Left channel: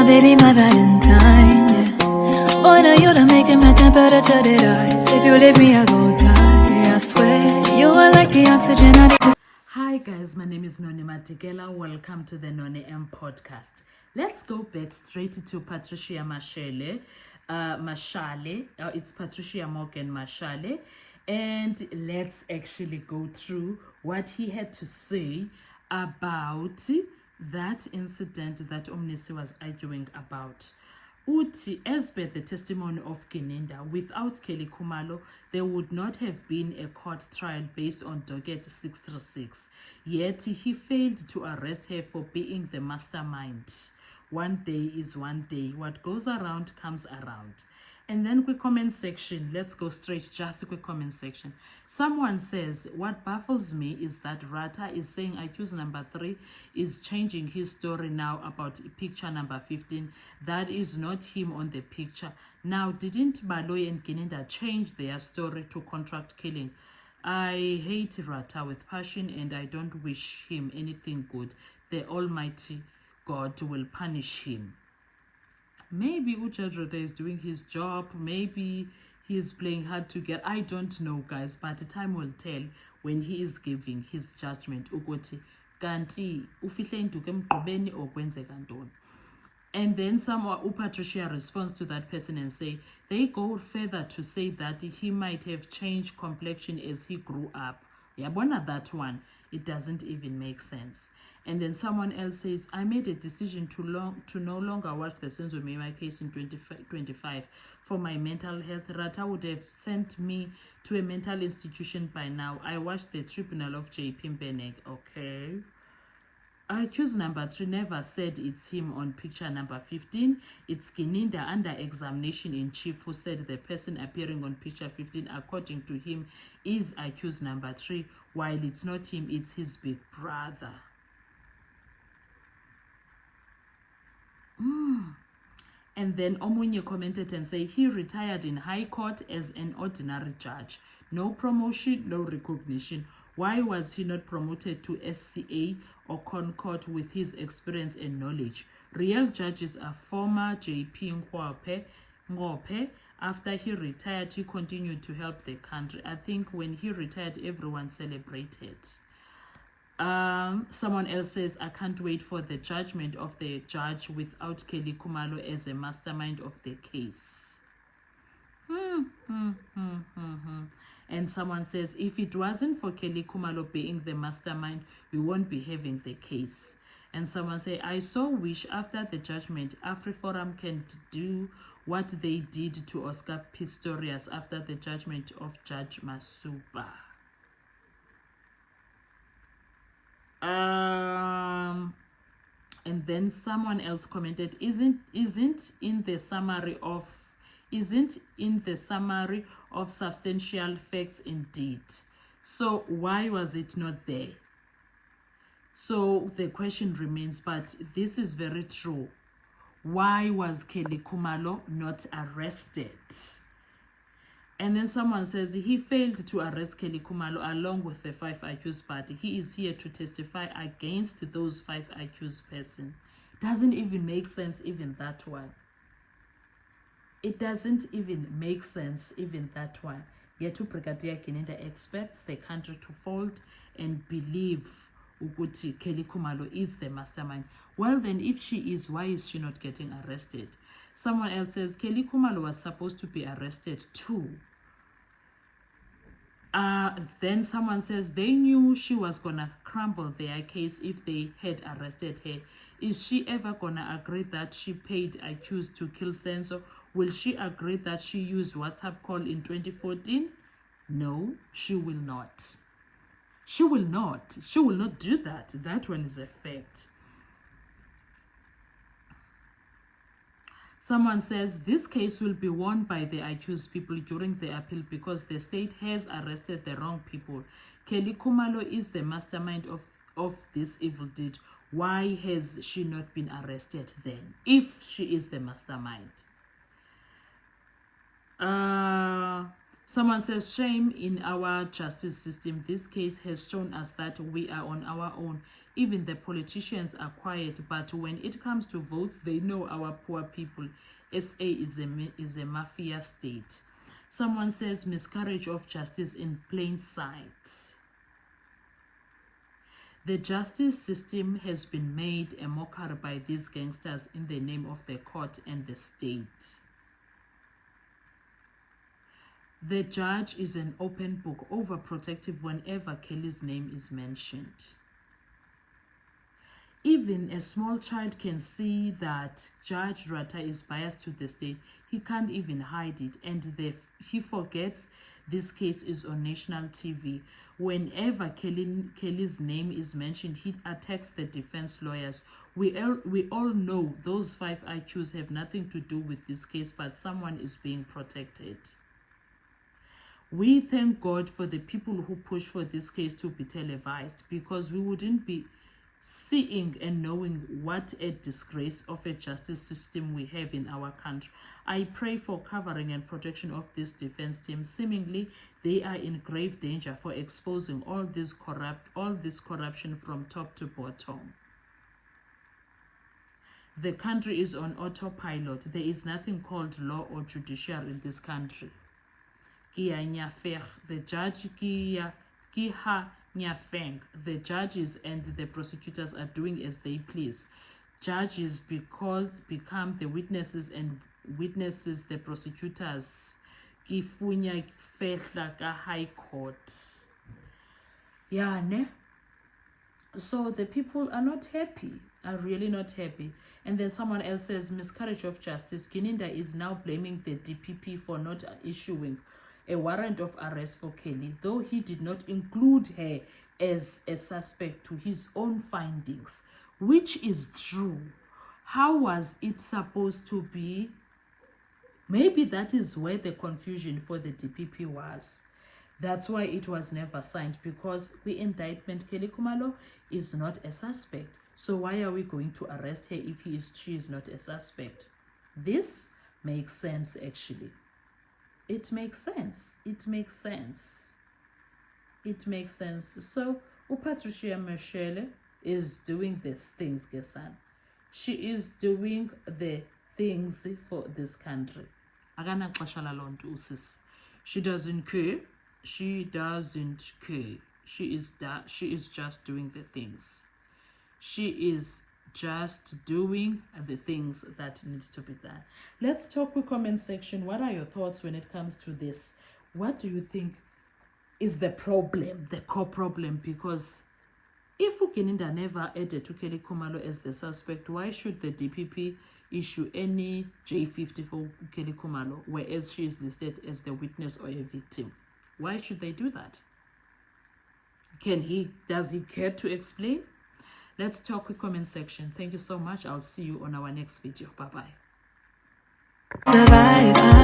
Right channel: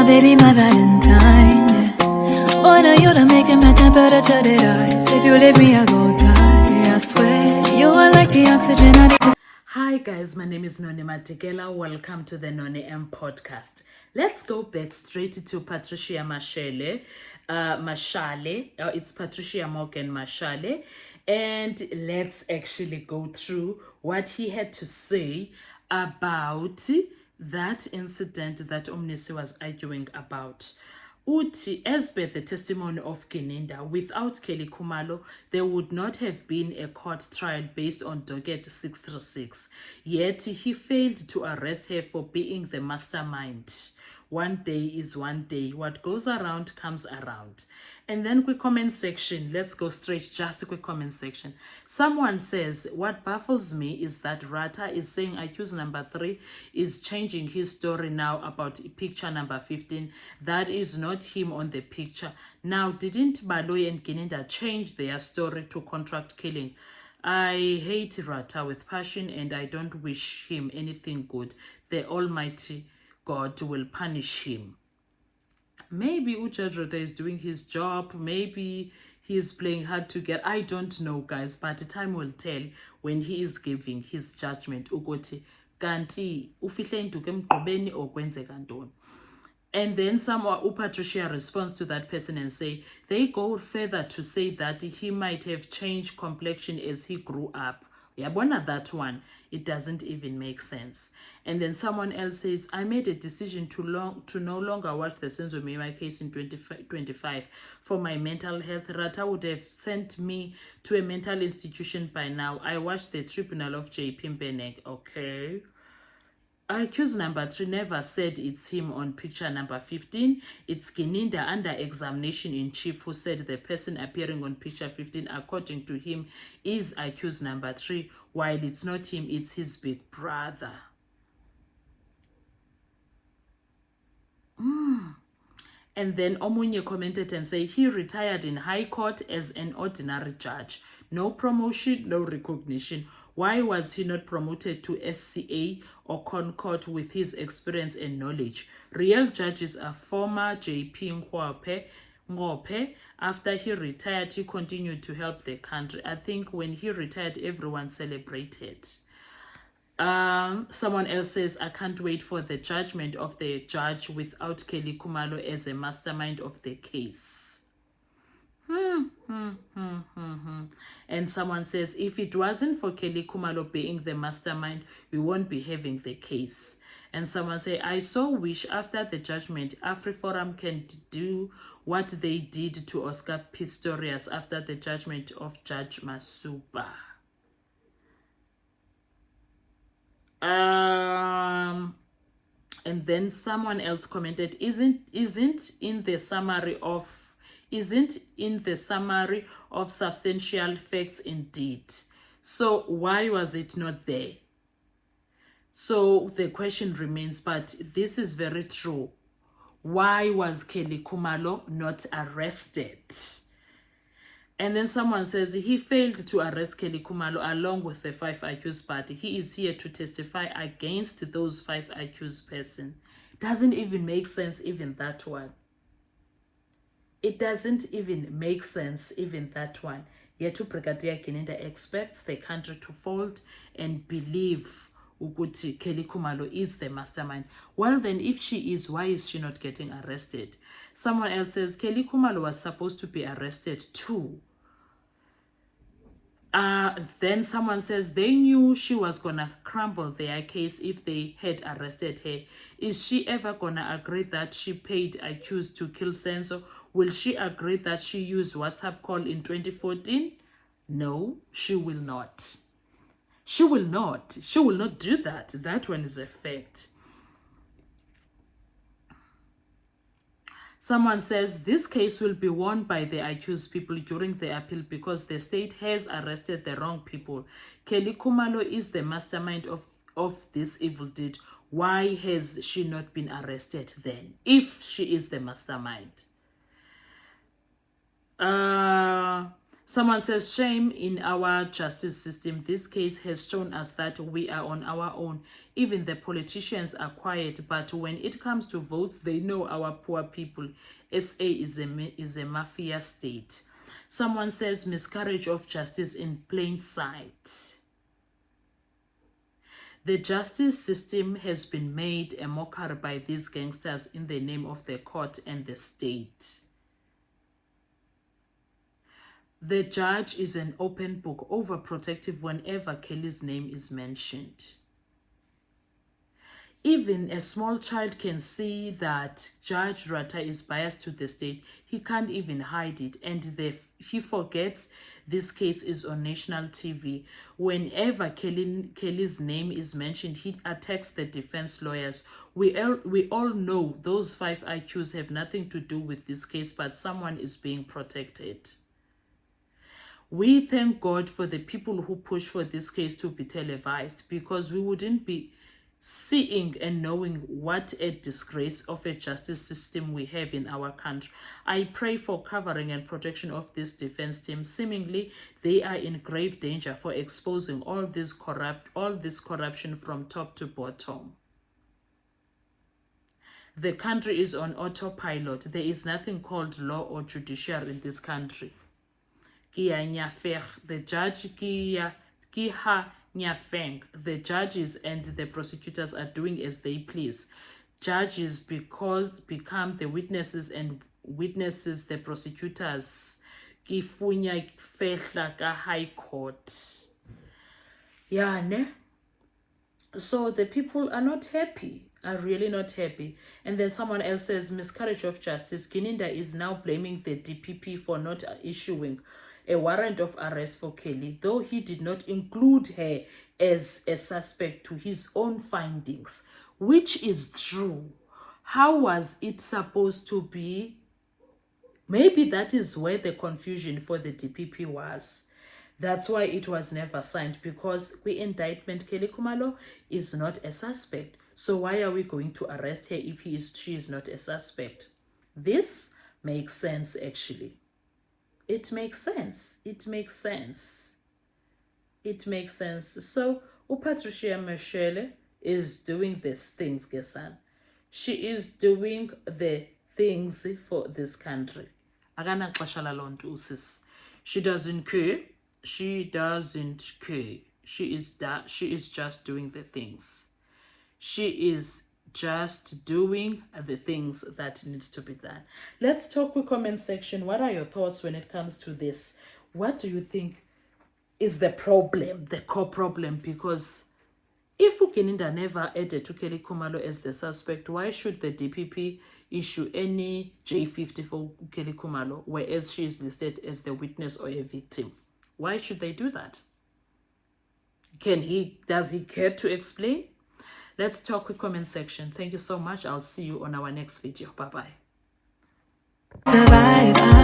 my baby, my Valentine, yeah. Boy, now you done making my temperature rise. If you leave me, I go die. I swear, you are like the oxygen I need. Hi guys, my name is Noni Matikela. Welcome to the Noni M podcast. Let's go back straight to Patricia Mashale. It's Patricia Morgan Mashale. And let's actually go through what he had to say about that incident that Omnisi was arguing about. Uti, as per the testimony of Kininda, without Kelly Khumalo, there would not have been a court trial based on docket 636. Yet he failed to arrest her for being the mastermind. One day is one day. What goes around comes around. And then quick comment section. Let's go straight, just a quick comment section. Someone says, what baffles me is that Rata is saying accused number 3 is changing his story now about picture number 15. That is not him on the picture. Now, didn't Baloy and Kininda change their story to contract killing? I hate Rata with passion and I don't wish him anything good. The Almighty God will punish him. Maybe Judge Rota is doing his job. Maybe he is playing hard to get. I don't know, guys. But time will tell when he is giving his judgment. Ukuthi kanti ufihle induku emgqobeni okwenzeka ntoni. And then Patricia responds to that person and say, they go further to say that he might have changed complexion as he grew up. Yabona that one, it doesn't even make sense. And then someone else says, I made a decision to no longer watch the Senzo Meyiwa case in 2025 for my mental health. Rata would have sent me to a mental institution by now. I watched the tribunal of J. Pimpenek. Okay. Accused number 3 never said it's him on picture number 15. It's Kininda under examination in chief who said the person appearing on picture 15, according to him, is accused number 3, while it's not him, it's his big brother. And then Omunye commented and said he retired in High Court as an ordinary judge. No promotion, no recognition. Why was he not promoted to SCA or Concord with his experience and knowledge? Real judges are former JP Ngope. After he retired, he continued to help the country. I think when he retired, everyone celebrated. Someone else says, I can't wait for the judgment of the judge without Kelly Khumalo as a mastermind of the case. And someone says, if it wasn't for Kelly Khumalo being the mastermind, we won't be having the case. And someone say, I so wish after the judgment, AfriForum can do what they did to Oscar Pistorius after the judgment of Judge Masuba. And then someone else commented, isn't in the summary of substantial facts indeed. So why was it not there? So the question remains, but this is very true. Why was Kelly Khumalo not arrested? And then someone says he failed to arrest Kelly Khumalo along with the 5 accused party. He is here to testify against those 5 accused persons. Doesn't even make sense, even that one. It doesn't even make sense, even that one. Yet Brigadier Kininda expects the country to fold and believe Uguti Kelly Khumalo is the mastermind. Well then, if she is, why is she not getting arrested? Someone else says Kelly Khumalo was supposed to be arrested too. Then someone says they knew she was gonna crumble their case if they had arrested her. Is she ever gonna agree that she paid accused to kill Senzo? Will she agree that she used WhatsApp call in 2014? No, she will not. She will not. She will not do that. That one is a fact. Someone says this case will be won by the accused people during the appeal because the state has arrested the wrong people. Kelly Khumalo is the mastermind of this evil deed. Why has she not been arrested then, if she is the mastermind? Someone says, shame in our justice system. This case has shown us that we are on our own. Even the politicians are quiet, but when it comes to votes, they know our poor people. SA is a mafia state. Someone says, miscarriage of justice in plain sight. The justice system has been made a mockery by these gangsters in the name of the court and the state. The judge is an open book, overprotective whenever Kelly's name is mentioned. Even a small child can see that Judge Rata is biased to the state. He can't even hide it, and he forgets this case is on national TV. Whenever Kelly's name is mentioned, he attacks the defense lawyers. We all know those 5 IQs have nothing to do with this case, but someone is being protected. We thank God for the people who push for this case to be televised, because we wouldn't be seeing and knowing what a disgrace of a justice system we have in our country. I pray for covering and protection of this defense team. Seemingly, they are in grave danger for exposing all this corruption from top to bottom. The country is on autopilot. There is nothing called law or judiciary in this country. The judges and the prosecutors are doing as they please. Judges become the witnesses, and witnesses the prosecutors. High court. Yeah, ne? So the people are not happy, are really not happy. And then someone else says, miscarriage of justice. Gininda is now blaming the DPP for not issuing a warrant of arrest for Kelly, though he did not include her as a suspect to his own findings, which is true. How was it supposed to be? Maybe that is where the confusion for the DPP was. That's why it was never signed, because the indictment, Kelly Khumalo is not a suspect. So why are we going to arrest her if she is not a suspect? This makes sense, actually. It makes sense. It makes sense. It makes sense. So, Patricia Michelle is doing these things, Gesan. She is doing the things for this country. She doesn't care. She doesn't care. She is just doing the things. She is just doing the things that needs to be done. Let's talk with comment section. What are your thoughts when it comes to this? What do you think is the problem, the core problem? Because if Ukininda never added to Kelly Khumalo as the suspect, why should the DPP issue any J50 for Kelly Khumalo, whereas she is listed as the witness or a victim? Why should they do that? Does he care to explain? Let's talk with comment section. Thank you so much. I'll see you on our next video. Bye-bye. Survive.